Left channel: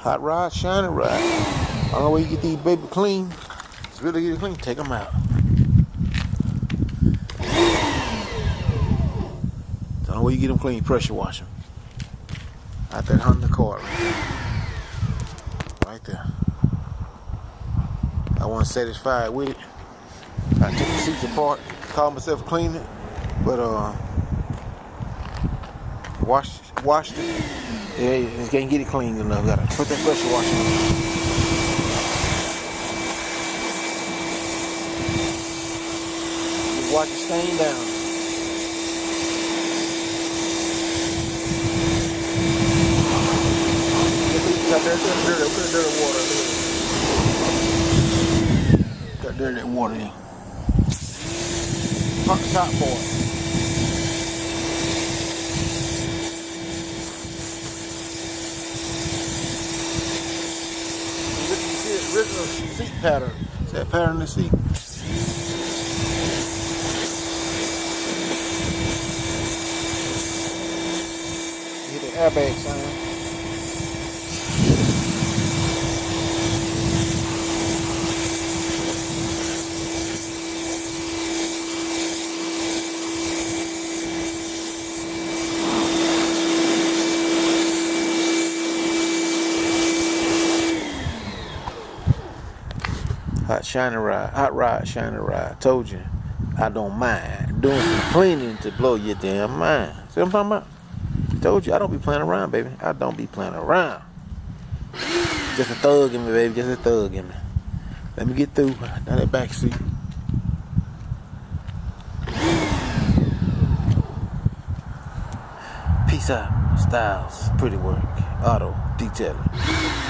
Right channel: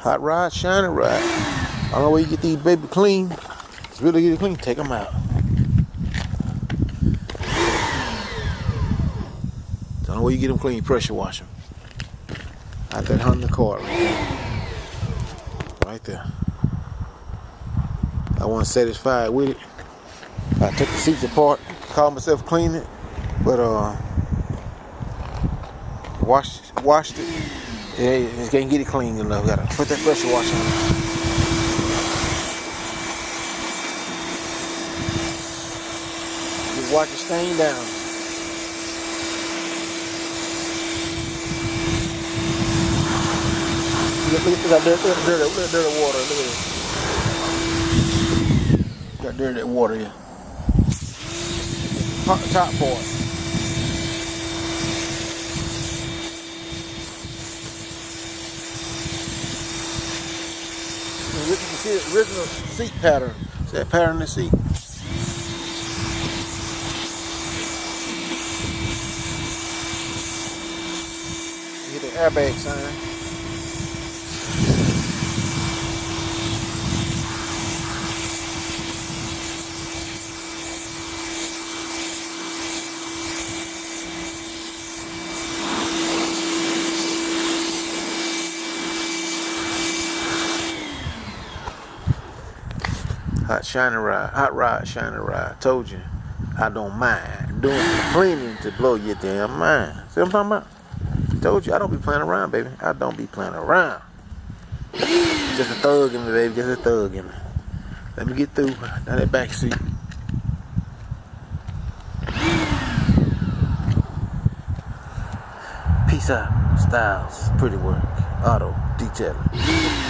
Hot rod, shiny rod. I don't know where you get these baby clean. It's really get it clean. Take them out. Don't know where you get them clean. Pressure wash them. Out that Honda cart right there. Right there. I wasn't satisfied with it. I took the seats apart, called myself cleaning it, but washed it. Yeah, you just can't get it clean enough. Gotta put that pressure wash on it. Just watch it stain down. Got dirty water. Got dirty water here. Top part. You see the original seat pattern. See that pattern in the seat? You hit the airbag sign. Hot rod, shiny rod. Told you, I don't mind doing some cleaning to blow your damn mind. See what I'm talking about? Told you, I don't be playing around, baby. I don't be playing around. Just a thug in me, baby. Just a thug in me. Let me get through. Down that back seat. Peace out. Styles. Pretty work. Auto. Detailing.